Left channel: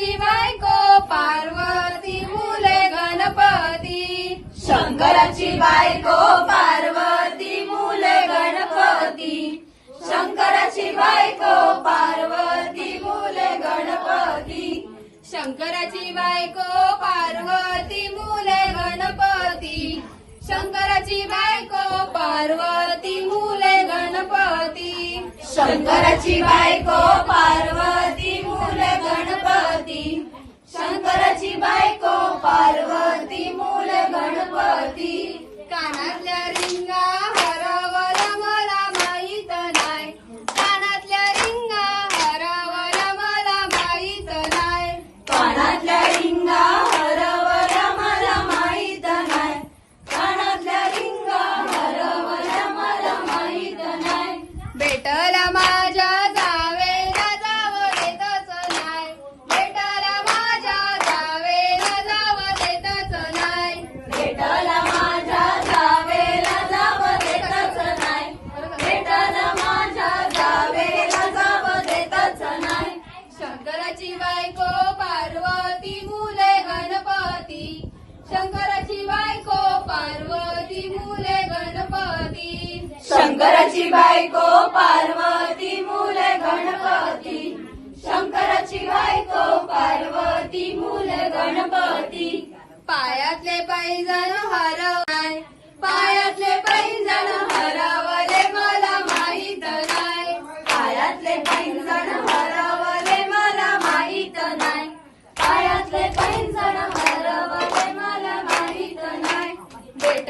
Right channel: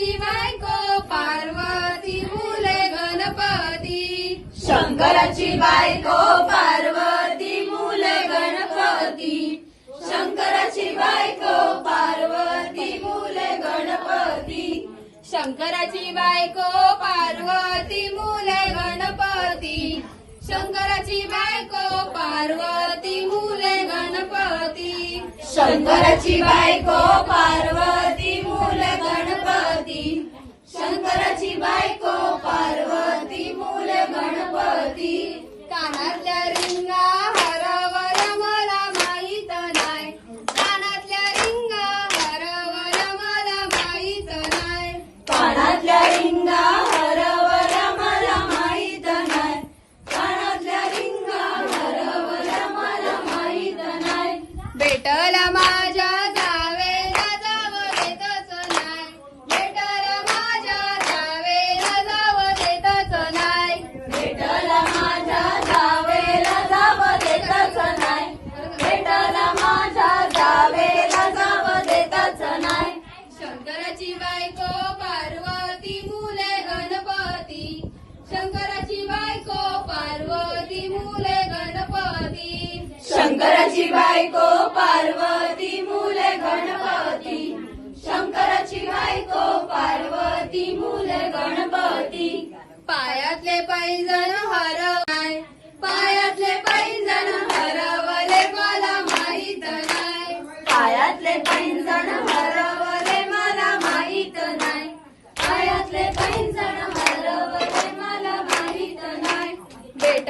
शंकराची बायको पार्वती मुले गणपती. शंकराची बायको पार्वती मुले गणपती. शंकराची बायको पार्वती मुले गणपती. शंकराची बायको पार्वती मुले गणपती. शंकराची बायको पार्वती मुले गणपती. शंकराची बायको पार्वती बायको पार्वती मुले गणपती. शंकराची बायको पार्वती मुले गणपती. शंकराची बायको पार्वती मुले गणपती. पायातले पैजण हरवाय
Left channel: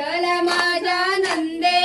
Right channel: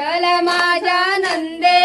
विठ्ठल माझा नंदे